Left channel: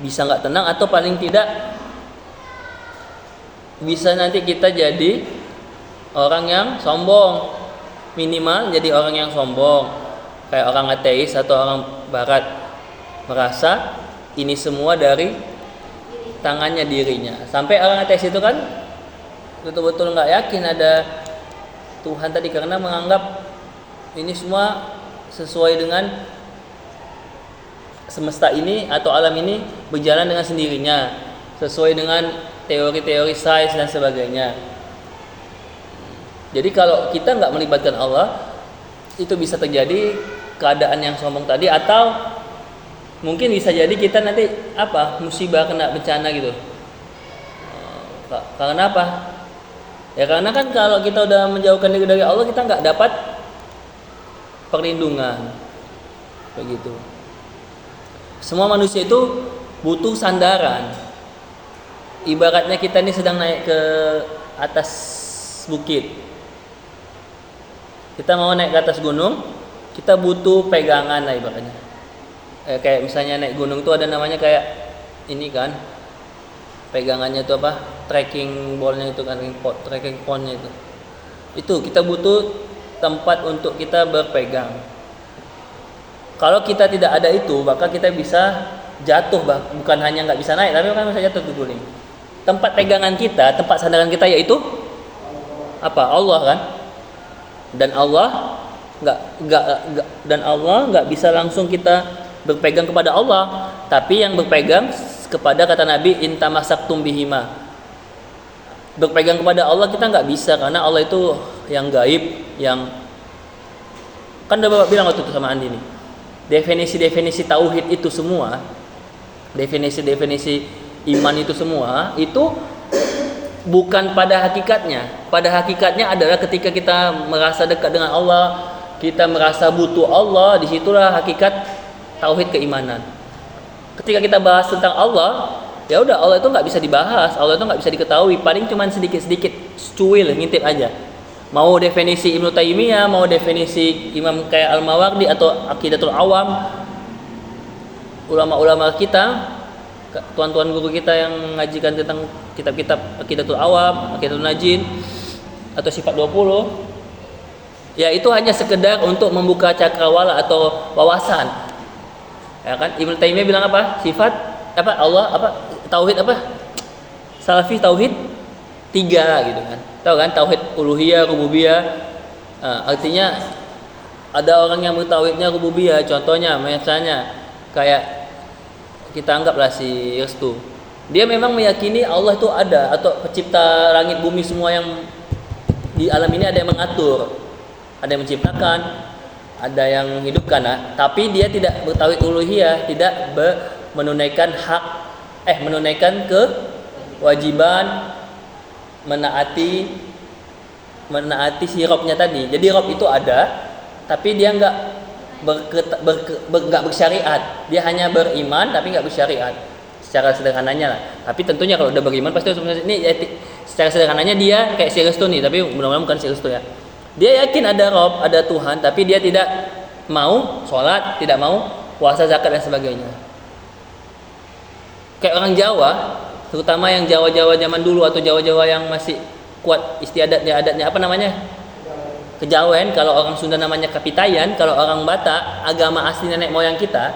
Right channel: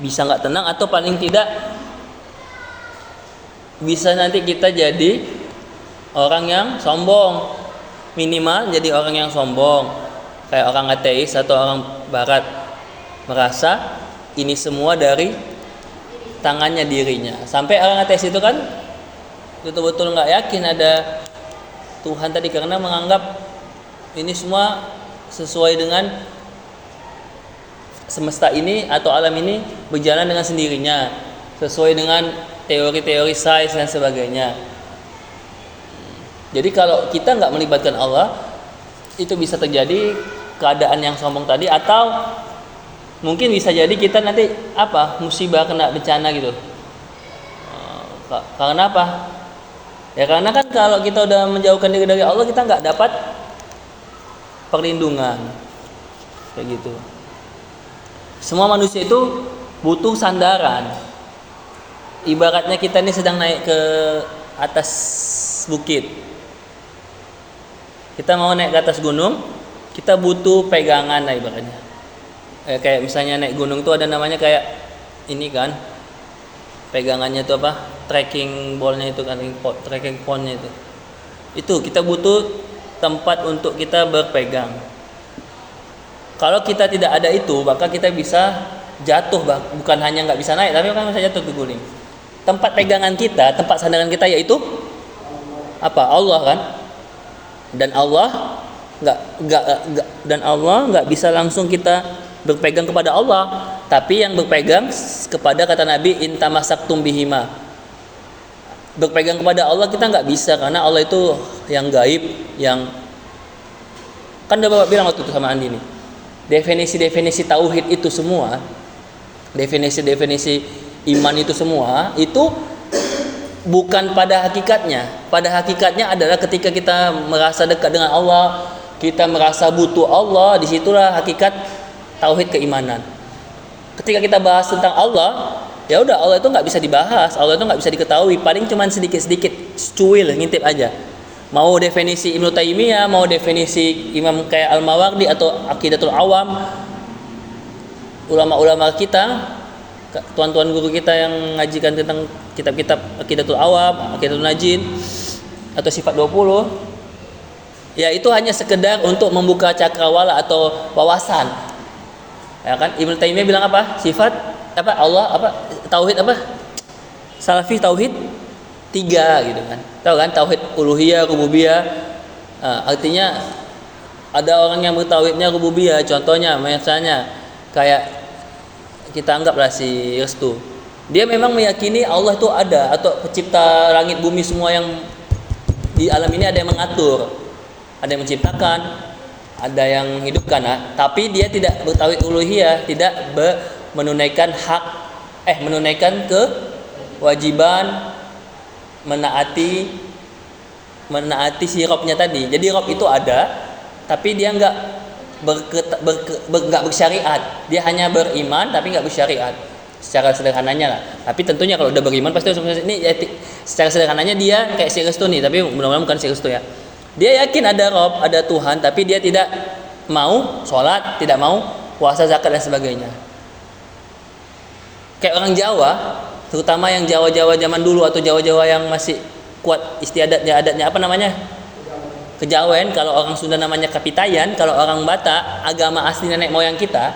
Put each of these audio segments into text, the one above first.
bisa nggak tenang, atau paling tidak bisa nanti kita jadi orang yang sombong. Minimal jadi orang yang sombong, kayak orang ateis atau orang barat, merasa ini semua dari tangannya dirinya. Sampai orang ateis itu kan betul-betul nggak yakin ada Tuhan tadi, karena menganggap ini semua sesuai dengan semesta ini atau alam ini berjalan dengan sendirinya, sesuai dengan teori-teori sains dan sebagainya. Jadi kalau kita nggak melibatkan Allah, itu bisa terjadi keadaan yang sombong tadi, atau mungkin bisa jadi kita nanti musibah, kena bencana gitu. Karena apa? Ya karena kan kalau kita udah menjauhkan diri dari Allah, kita nggak dapat perlindungan, kayak gitu. Semua manusia itu butuh sandaran. Ibaratnya kita ini sedang naik ke atas bukit. Kita mau naik ke atas gunung, kita butuh pegangan lah ibaratnya. Kayak misalnya naik gunung itu ada namanya kayak ini kan, pegangannya itu apa? Trekking ballnya itu kan, trekking pointnya itu. Itu kita butuh tempat untuk kita berpegang. Kalau kita tidak ada itu, maka kita bisa jatuh, bukan hanya nggak bisa naik, tapi kan bisa jatuh terguling. Tempat pegangan kita, tempat sandaran kita yaitu apa? Allah kan. Dan Allah nggak bisa langsung kita berpegang kepada Allah, tapi yang berpegang kepada kata Nabi intamasaktum bihima. Berpegang kepada Allah kita nggak bisa, karena Allah itu yang gaib, yang kan udah Bapak bilang waktu itu sama Andi nih. Definisi-definisi tauhid itu semua, definisi-definisi iman itu semua, itu bukan pada hakikatnya. Pada hakikatnya adalah ketika kita merasa dekat dengan Allah, kita merasa butuh Allah, disitulah hakikat tauhid keimanan. Ketika kita bahas tentang Allah, ya udah, Allah itu nggak bisa dibahas, Allah itu nggak bisa diketahui, paling cuman sedikit-sedikit cuil, ngintip aja. Mau definisi Ibnu Taimiyah, mau definisi Imam kayak Al-Mawardi atau Aqidatul Awam, ulama-ulama kita, tuan-tuan guru kita yang ngajikan tentang kitab-kitab Aqidatul Awam, Aqidatul Najin atau Sifat 20, ya itu hanya sekedar untuk membuka cakrawala atau wawasan. Ya kan, Ibnu Taimiyah bilang apa? Sifat apa? Allah apa? Tauhid apa? Salafi tauhid 3 gitu kan. Tahu kan tauhid uluhiyah, rububiyah. Artinya ada orang yang bertauhidnya rububiyah, contohnya misalnya kayak kita anggaplah si Restu. Dia memang meyakini Allah itu ada, atau pencipta langit bumi semua yang di alam ini ada yang mengatur, ada yang menciptakan, ada yang hidupkan. Tapi dia tidak bertauhid uluhiyah, tidak menunaikan menunaikan kewajiban menaati si Robnya tadi. Jadi Rob itu ada, tapi dia nggak bersyariat. Dia hanya beriman tapi nggak bersyariat. Secara sederhananya lah. Tapi tentunya kalau udah beriman pasti ini secara sederhananya dia kayak si Restu nih, tapi mudah-mudahan bukan si Restu ya. Dia yakin ada Rob, ada Tuhan, tapi dia tidak mau sholat, tidak mau puasa, zakat dan sebagainya. Kayak orang Jawa, terutama yang Jawa-Jawa zaman dulu atau Jawa-Jawa yang masih kuat istiadatnya, adatnya apa namanya? Kejawen. Kalau orang Sunda namanya Kapitayan, kalau orang Batak agama asli nenek moyang kita,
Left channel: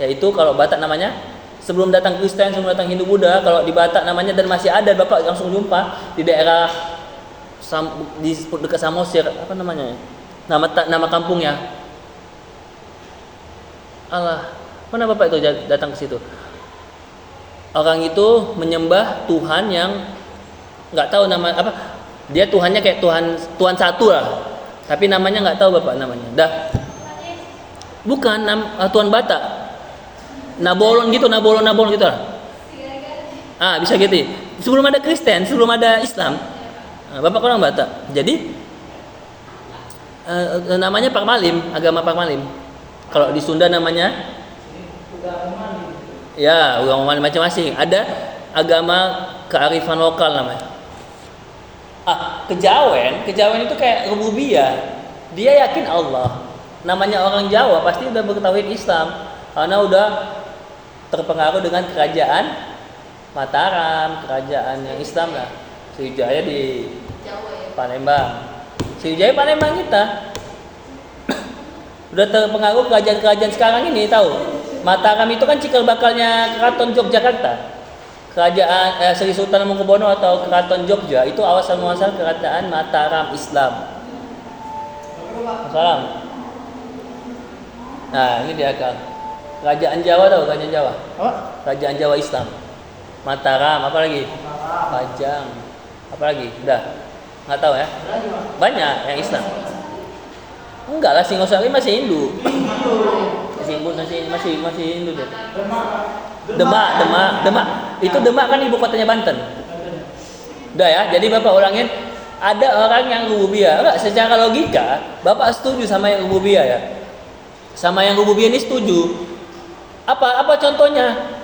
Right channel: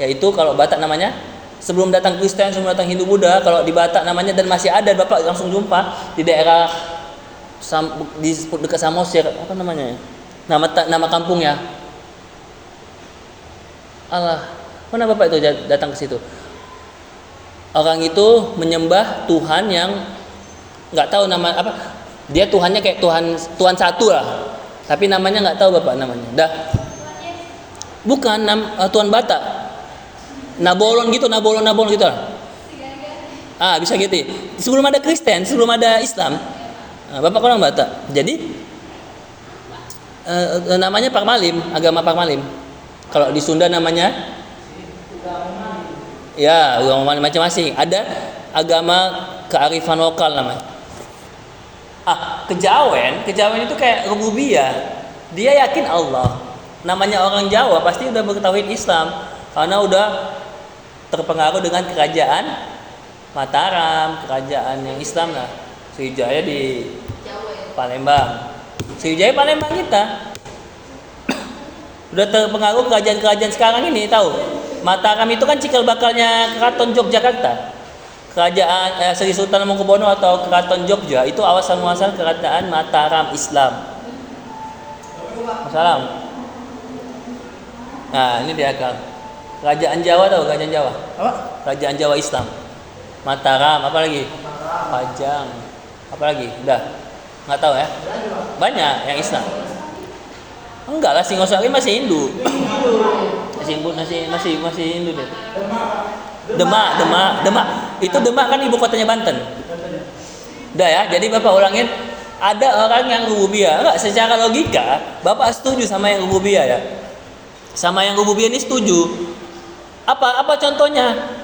yaitu kalau Batak namanya sebelum datang Kristen, sebelum datang Hindu Buddha, kalau di Batak namanya dan masih ada, Bapak langsung jumpa di daerah di dekat Samosir, apa namanya? Nama kampungnya. Allah, mana Bapak itu datang ke situ? Orang itu menyembah Tuhan yang nggak tahu nama apa. Dia Tuhannya kayak Tuhan satu lah, tapi namanya nggak tahu Bapak namanya. Bukan Tuhan Batak, Nabolon gitu lah. Bisa gitu. Sebelum ada Kristen, sebelum ada Islam, Bapak orang Batak. Jadi namanya Parmalim, agama Parmalim. Kalau di Sunda namanya ya agama macam-macam. Ada agama kearifan lokal namanya. Kejawen itu kayak rububiyah. Dia yakin Allah. Namanya orang Jawa pasti udah bertauhid Islam, karena udah terpengaruh dengan kerajaan Mataram, kerajaan yang Islam lah. Sriwijaya di Palembang. Sriwijaya Palembang kita. Udah terpengaruh kerajaan-kerajaan sekarang ini, tahu? Mataram itu kan cikal bakalnya Keraton Yogyakarta. Kerajaan Sri Sultan Hamengkubuwono atau Keraton Jogja itu awal muasal kerajaan Mataram Islam. Salam. Nah, ini dia kan. Kerajaan Jawa tahu, kerajaan Jawa. Apa? Kerajaan Jawa Islam. Mataram, apa lagi? Pajang. Apa lagi? Udah. Enggak tahu ya? Banyak yang Islam. Enggak lah, Singosari masih Hindu. Masih Hindu deh. Demak. Itu Demak kan ibu kotanya Banten. Udah ya, jadi Bapak ulangin, ada orang yang rububiyah. Enggak, secara logika Bapak setuju sama yang rububiyah ya. Sama yang rububiyah ini setuju. Apa contohnya?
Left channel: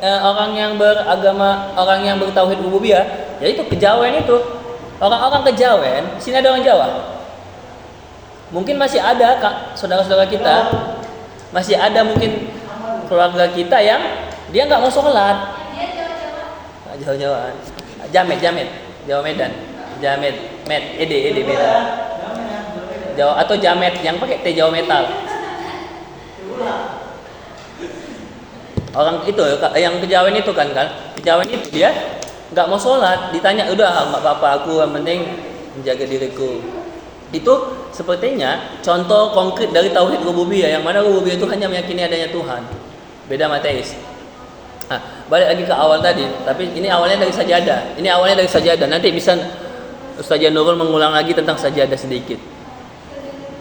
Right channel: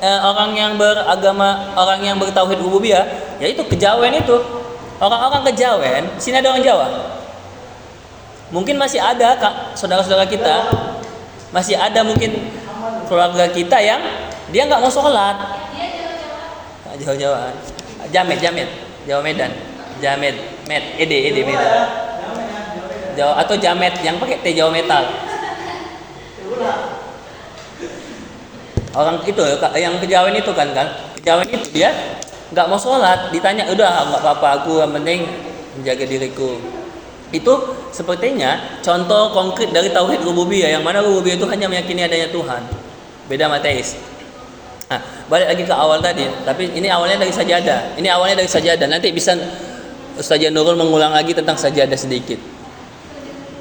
Orang yang beragama, orang yang bertauhid rububiyah, yaitu Kejawen itu. Orang-orang Kejawen, sini ada orang Jawa. Mungkin masih ada saudara-saudara kita, masih ada mungkin keluarga kita yang dia nggak mau sholat. Jawa-Jawaan. Jamet, Jawa Medan. Ede Medan. Jawa atau Jamet yang pakai T Jawa Metal. Orang itu yang Kejawen itu kan Kejawen itu dia nggak mau sholat, ditanya udah nggak apa-apa, aku yang penting menjaga diriku. Itu sepertinya contoh konkret dari tauhid rububiyah, yang mana rububiyah itu hanya meyakini adanya Tuhan, beda sama teis. Nah, balik lagi ke awal tadi, tapi ini awalnya dari sajadah. Nanti bisa Ustaz Nurul mengulang lagi tentang sajadah sedikit.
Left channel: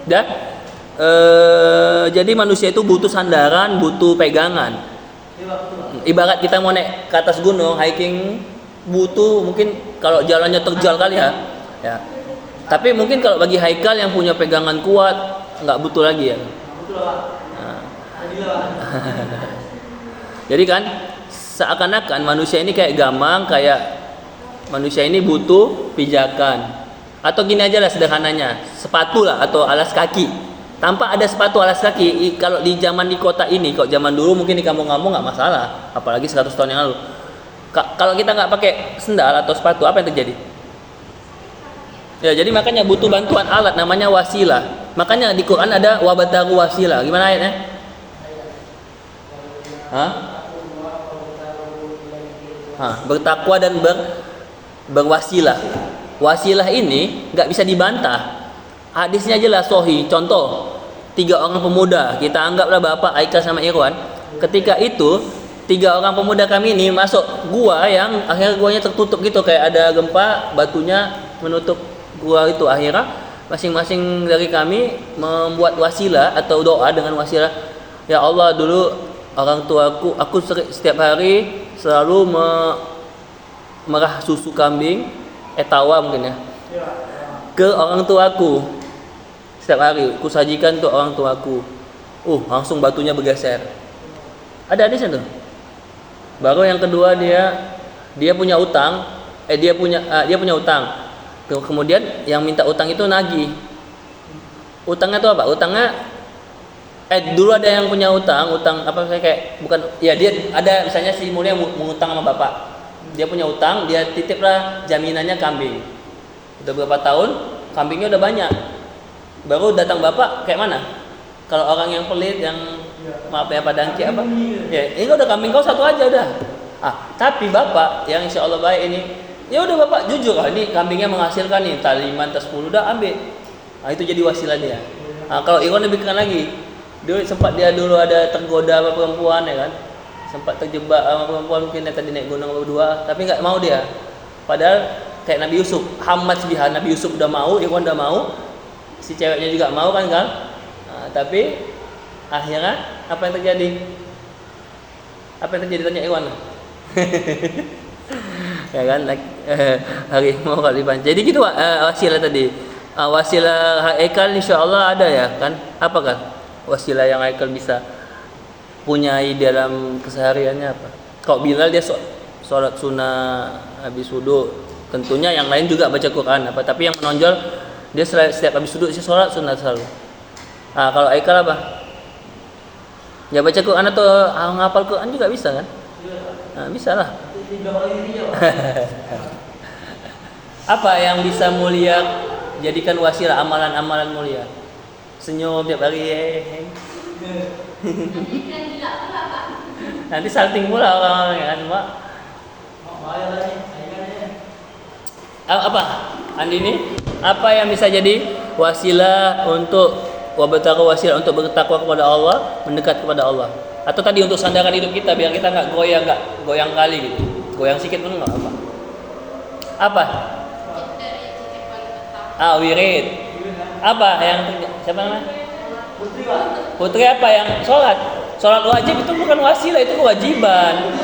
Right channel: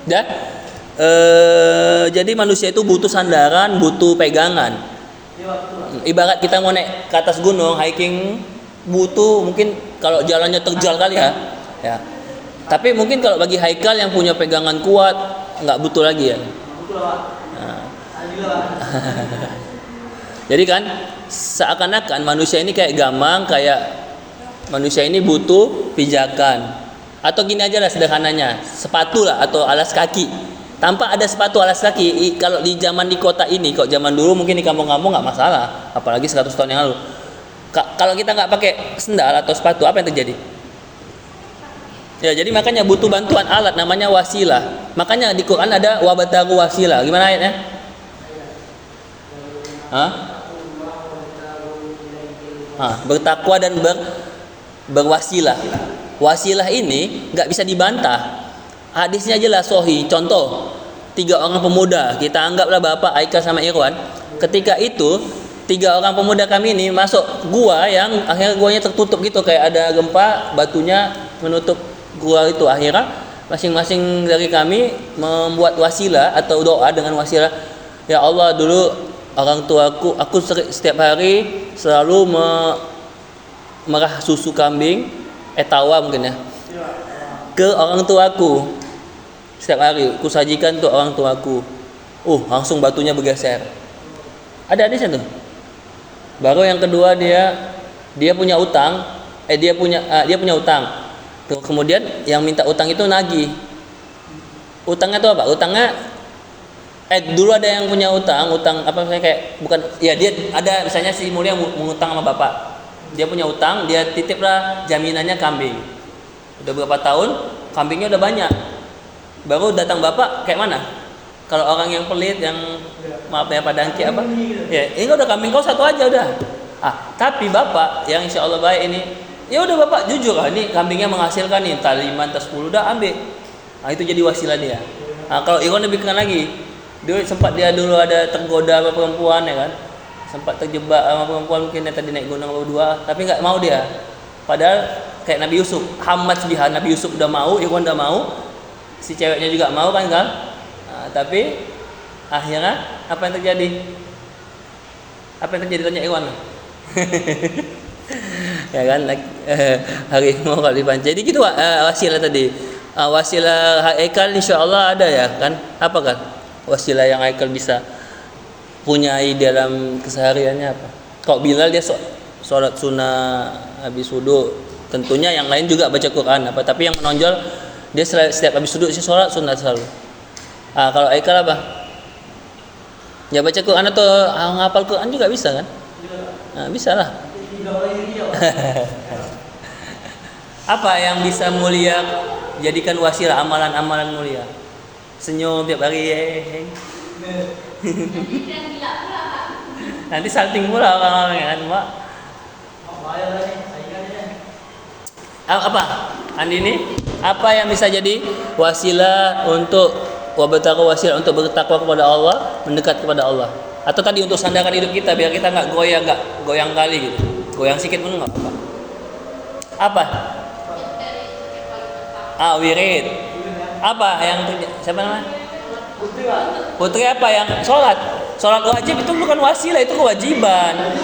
Dan jadi manusia itu butuh sandaran, butuh pegangan. Ibarat kita mau naik ke atas gunung, hiking, butuh mungkin kalau jalannya terjal kali ya. Tapi mungkin kalau bagi haikal yang punya pegangan kuat, nggak butuh lagi ya. Nah. Jadi kan seakan-akan manusia ini kayak gamang, kayak manusia ini butuh pijakan. Atau gini aja lah sederhananya, sepatu lah atau alas kaki. Tanpa ada sepatu alas kaki, kalau di zaman di kota ini, kok zaman dulu mungkin di kampung-kampung nggak masalah, apalagi 100 tahun yang lalu. Kalau kita nggak pakai sendal atau sepatu, apa yang terjadi? Ya, jadi makanya butuh bantuan alat namanya wasilah. Makanya di Quran ada wabataru wasilah. Gimana ayatnya? Bertakwa dan berwasilah. Wasilah ini nggak bisa dibantah. Hadisnya jelas sahih. Contoh, 3 orang pemuda, kita anggaplah Bapak Aika sama Irwan. Ketika itu 3 orang pemuda kami ini masuk gua yang akhirnya guanya tertutup gitu, kayak ada gempa, batunya menutup gua itu. Akhirnya masing-masing dari kami membuat wasilah atau doa dengan wasilah. Ya Allah, dulu orang tuaku, aku setiap hari selalu merah susu kambing, etawa mungkin ya, ke orang tuaku. Setiap hari aku sajikan untuk orang tuaku. Langsung batunya bergeser. Ada hadisnya tuh. Baru yang kedua dia punya utang, dia punya utang. Kemudian yang minta utang itu nagih. Utangnya itu apa? Utangnya dulu ada yang punya utang apa misalnya kayak bukan ya, dia ada misalnya si mulia mengutang sama bapak. Dia punya utang, dia titiplah jaminannya kambing. Udah berapa tahun, kambingnya udah banyak. Baru datang bapak, kayak mana? Kalau orang yang pelit, yang maaf ya padangki apa? Ya, ini udah kambing kau satu aja udah. Tapi bapak yang insya Allah baik ini, ya udah bapak jujur lah, ini kambingnya menghasilkan nih, entah 5 entah 10 udah ambil. Itu jadi wasilah dia. Kalau Irwan lebih keren lagi, dia dulu ada tergoda sama perempuan ya kan, sempat terjebak sama perempuan, mungkin dia tadi naik gunung berdua, tapi nggak mau dia. Padahal kayak Nabi Yusuf, Hamad Sibihan, Nabi Yusuf udah mau, Irwan udah mau, si ceweknya juga mau kan. Tapi akhirnya apa yang terjadi? Tanya Irwan. Ya kan, harimau kalau dipancing. Jadi gitu wasilah tadi. Wasilah Haikal insyaallah ada ya kan? Apa kan? Wasilah yang Haikal bisa punyai dalam kesehariannya apa? Kok Bilal dia sholat sunnah habis wudu, tentunya yang lain juga baca Quran apa, tapi yang menonjol dia setiap habis wudu sholat sunnah selalu. Kalau Haikal apa? Ya baca Quran atau ngapal Quran juga bisa kan? Nah, bisa lah. Apa yang bisa mulia jadikan wasilah amalan-amalan mulia? Senyum tiap hari. Nanti salting pula orang-orang kan, Mak. Apa? Andi ini? Apa yang bisa jadi wasilah untuk wasilah untuk bertakwa kepada Allah, mendekat kepada Allah? Atau tadi untuk sandaran hidup kita biar kita nggak goyang kali gitu. Goyang sedikit pun nggak apa. Apa? Wirid. Apa yang siapa namanya? Putri apa yang sholat? Sholat wajib itu bukan wasilah, itu kewajiban.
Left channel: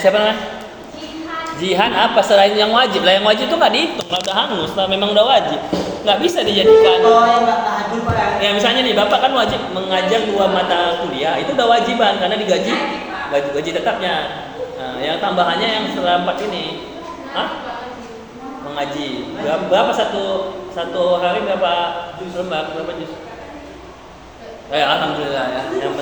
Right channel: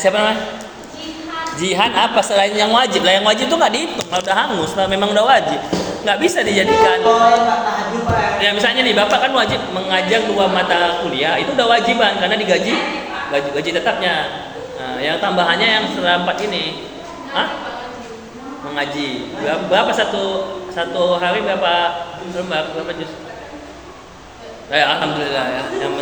Siapa namanya? Jihan apa selain yang wajib? Lah yang wajib itu nggak dihitung, nggak udah hangus, memang udah wajib, nggak bisa dijadikan. Ya misalnya nih bapak kan wajib mengajar 2 mata kuliah, itu udah wajiban karena digaji gaji tetapnya. Nah, yang tambahannya yang setelah 4 ini, mengaji. Berapa satu hari berapa lembar berapa juz? Alhamdulillah ya. Yang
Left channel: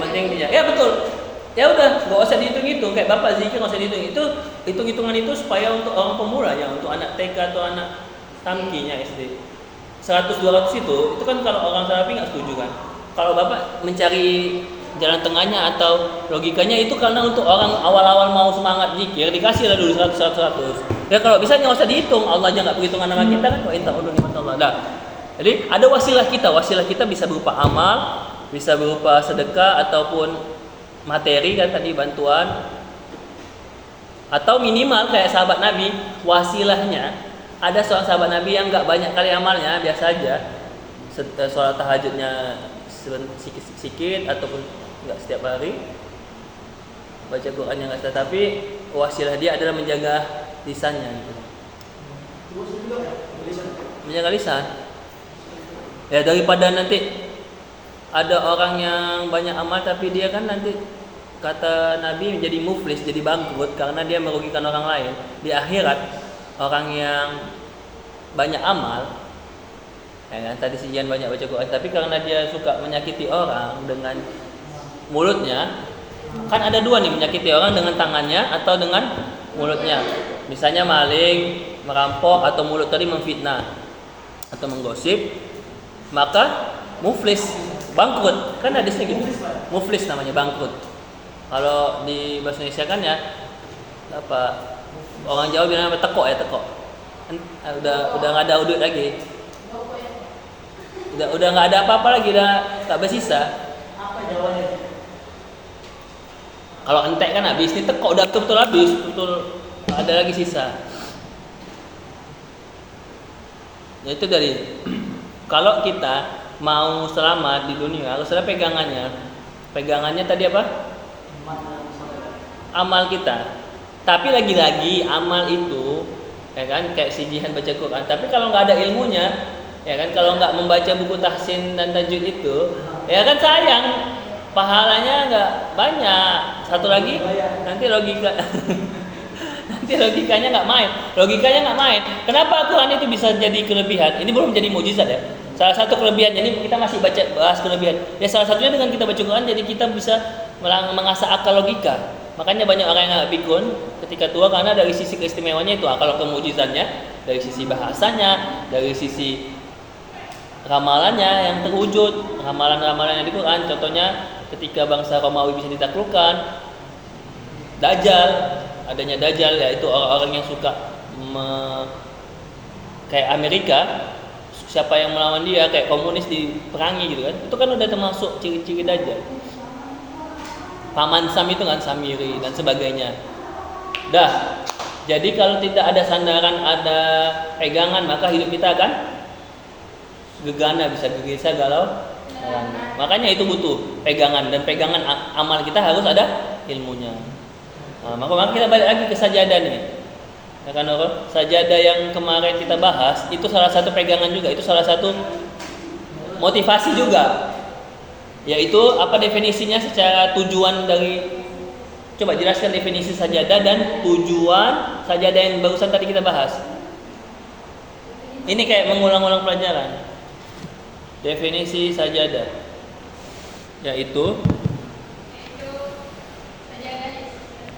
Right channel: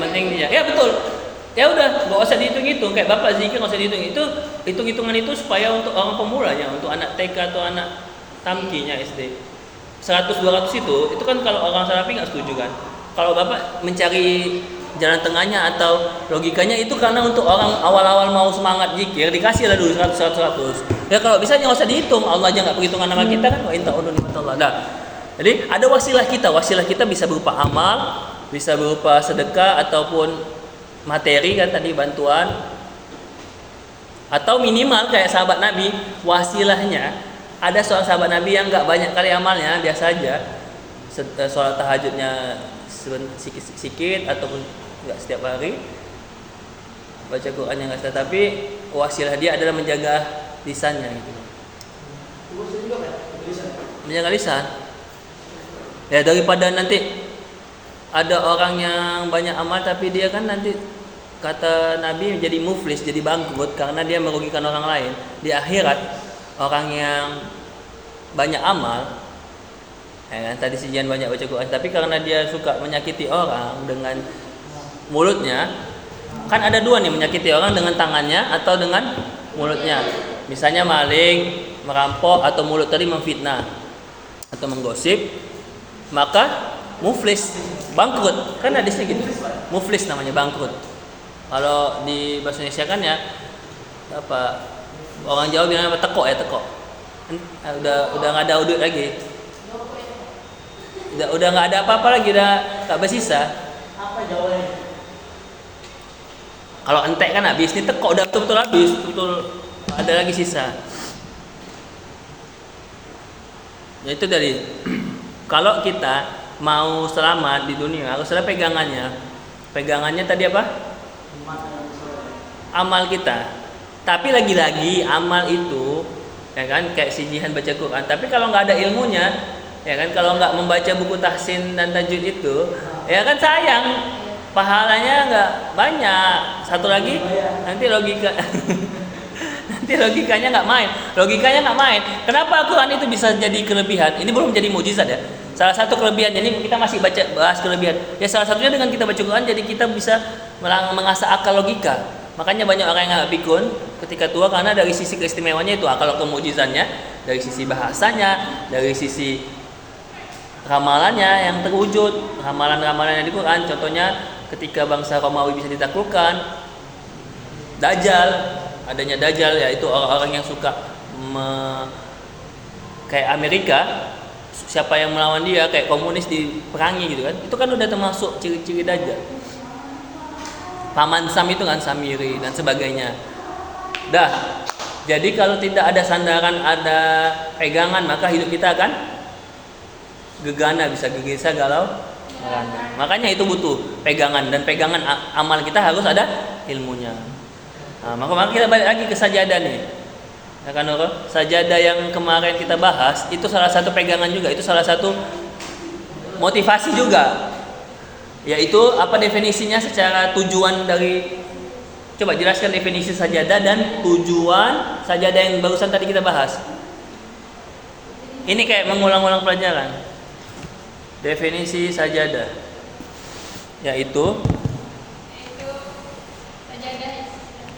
penting dia. Ya betul. Ya udah, nggak usah dihitung-hitung kayak bapak zikir nggak usah dihitung. Itu hitung-hitungan itu supaya untuk orang pemula ya, untuk anak TK atau anak tamkinya SD. 100-200 itu kan kalau orang Salafi nggak setuju kan. Kalau bapak mencari jalan tengahnya atau logikanya itu karena untuk orang awal-awal mau semangat zikir dikasih lah dulu 100. Ya kalau bisa nggak usah dihitung, Allah aja nggak perhitungan nama kita kan. Wa in ta'udhu ni'matallahi. Nah, jadi ada wasilah kita bisa berupa amal, bisa berupa sedekah ataupun materi kan tadi bantuan, atau minimal kayak sahabat Nabi wasilahnya ada seorang sahabat Nabi yang nggak banyak kali amalnya, biasa aja sholat tahajudnya sikit ataupun nggak setiap hari, baca Qurannya nggak setiap, tapi wasilah dia adalah menjaga lisannya gitu. Menjaga lisan ya, daripada nanti ada orang yang banyak amal tapi dia kan nanti kata Nabi jadi muflis, jadi bangkrut karena dia merugikan orang lain. Di akhirat orang yang banyak amal ya, tadi sejian banyak baca Quran tapi karena dia suka menyakiti orang dengan mulutnya, kan ada 2 nih, menyakiti orang dengan tangannya atau dengan mulutnya. Misalnya maling, merampok, atau mulut tadi memfitnah atau menggosip, maka muflis, bangkrut, kan hadisnya gitu. Muflis namanya bangkrut. Kalau di bahasa Indonesia kan ya apa, orang Jawa bilang tekok ya, tekok. Udah nggak ada udut lagi. Udah nggak ada apa-apa lagi, udah tak bersisa. Apa Jawanya? Kalau entek kan habis, ini tekok udah betul-betul habis, betul ada lagi sisa. Ya itu dari kalau kita mau selamat di dunia harus ada pegangannya tadi apa? Amal kita. Tapi lagi-lagi amal itu ya kan kayak si Jihan baca Quran, tapi kalau nggak ada ilmunya ya kan, kalau nggak membaca buku tahsin dan tajwid itu ya kan sayang, pahalanya nggak banyak. Satu lagi nanti logikanya nggak main. Kenapa Quran itu bisa jadi kelebihan? Ini belum jadi mukjizat ya. Salah satu kelebihan, jadi kita masih bahas kelebihan. Ya salah satunya dengan kita baca Quran jadi kita bisa mengasah akal logika. Makanya banyak orang yang nggak pikun ketika tua karena dari sisi keistimewaannya itu. Kalau kemujizannya dari sisi bahasanya, dari sisi ramalannya yang terwujud, ramalan-ramalan yang di Quran. Contohnya ketika bangsa Romawi bisa ditaklukkan, Dajjal, adanya Dajjal yaitu orang-orang yang suka kayak Amerika, siapa yang melawan dia kayak komunis diperangi gitu kan, itu kan udah termasuk ciri-ciri Dajjal. Paman Sam itu kan Samiri dan sebagainya. Dah, jadi kalau tidak ada sandaran, ada pegangan, maka hidup kita akan gegana, bisa gelisah, galau. Makanya itu butuh pegangan, dan pegangan amal kita harus ada ilmunya. Nah, maka kita balik lagi ke sajadah nih. Nah kan sajadah yang kemarin kita bahas itu salah satu pegangan juga, itu salah satu motivasi juga. Yaitu apa definisinya secara tujuan dari, coba jelaskan definisi sajadah dan tujuan sajadah yang barusan tadi kita bahas. Ini kayak mengulang-ulang pelajaran. Definisi sajadah. yaitu Yaitu sajadah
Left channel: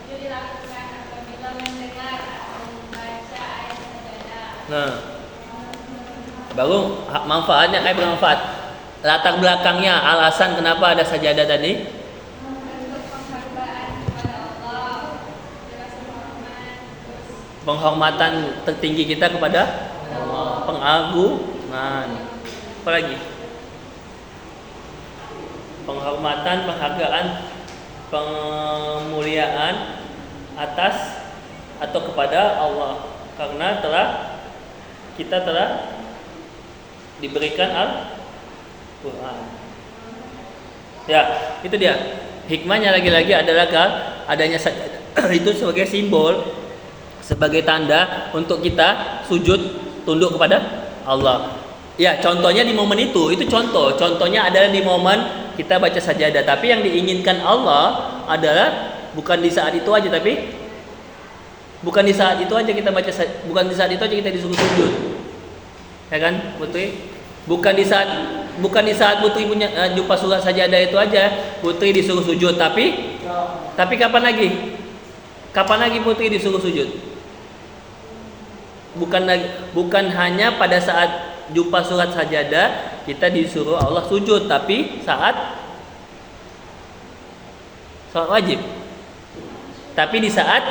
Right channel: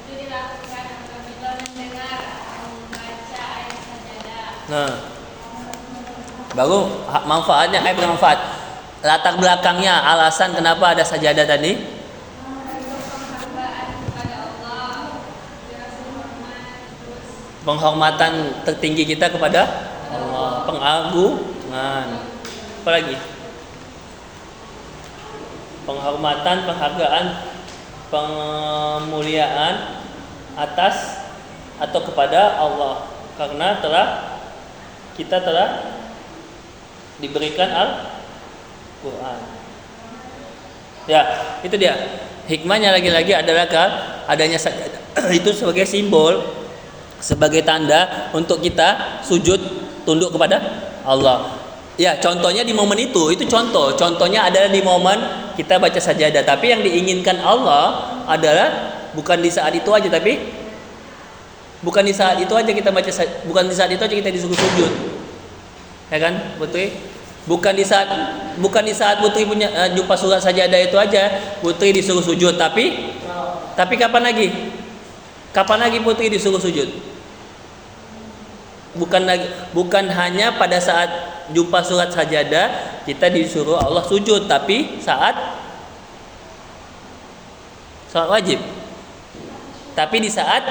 itu dilakukan apabila mendengar atau membaca ayat sajadah. nah baru manfaatnya kayak bermanfaat. Latar belakangnya, alasan kenapa ada sajadah tadi? Bentuk penghargaan kepada Allah, rasa hormat, terus Penghormatan tertinggi kita kepada Allah, pengagungan. Apa lagi? Penghormatan, penghargaan, pemuliaan atas atau kepada Allah, karena kita telah diberikan Al-Quran. Ya, itu dia. Hikmahnya lagi-lagi adalah adanya itu sebagai simbol, sebagai tanda untuk kita sujud tunduk kepada Allah. Ya, contohnya di momen itu contoh. Contohnya adalah di momen kita baca sajadah. Tapi yang diinginkan Allah adalah bukan di saat itu aja, tapi bukan di saat itu aja kita baca, bukan di saat itu aja kita disuruh sujud. Ya kan, Putri? Bukan di saat Putri punya jumpa surat sajadah itu aja Putri disuruh sujud, tapi kapan lagi? Kapan lagi Putri disuruh sujud? Bukan hanya pada saat jumpa surat sajadah kita disuruh Allah sujud, tapi saat wajib. Tapi di saat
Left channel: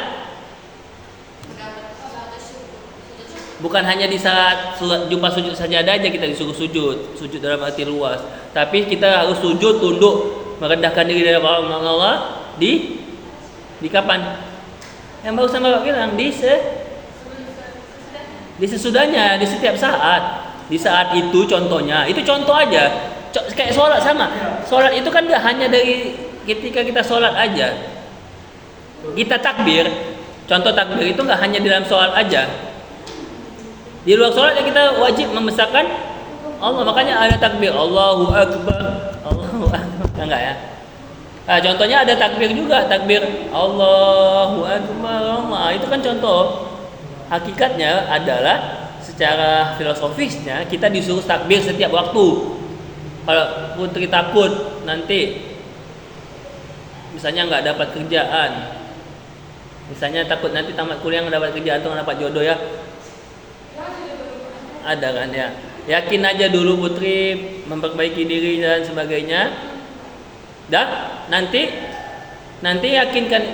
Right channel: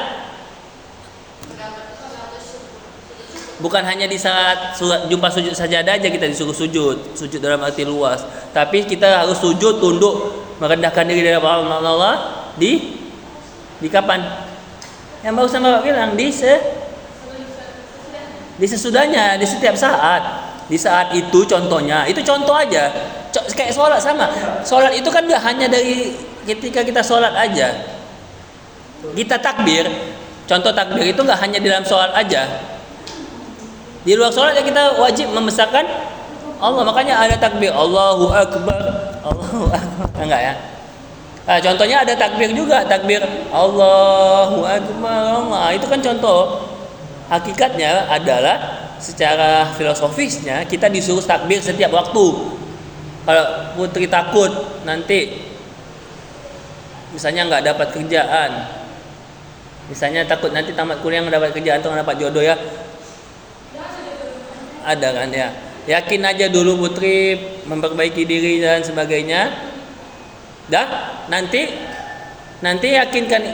bukan hanya di saat jumpa sujud sajadah aja kita disuruh sujud dalam arti luas, tapi kita harus sujud tunduk merendahkan diri dari Allah di kapan? Yang barusan Bapak bilang di sesudahnya, di setiap saat. Di saat itu contohnya, itu contoh aja. Kayak sholat sama. Sholat itu kan gak hanya dari ketika kita sholat aja. Kita takbir. Contoh takbir itu gak hanya di dalam sholat aja. Di luar sholat ya kita wajib membesarkan Allah. Makanya ada takbir Allahu Akbar, Allahu Akbar. Enggak ya? Nah, contohnya ada takbir juga, takbir Allahu Akbar. Nah, itu kan contoh. Hakikatnya adalah secara filosofisnya kita disuruh takbir setiap waktu. Kalau Putri takut nanti misalnya nggak dapat kerjaan, misalnya takut nanti tamat kuliah nggak dapat kerjaan atau nggak dapat jodoh ya, ada kan ya. Yakin aja dulu Putri, memperbaiki diri dan sebagainya. Dan nanti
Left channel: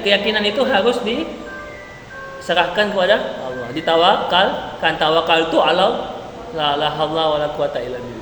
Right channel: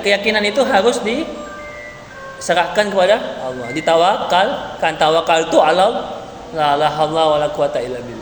keyakinan itu harus diserahkan kepada Allah, ditawakal. Kan tawakal itu ala la haula wala quwata illa billah.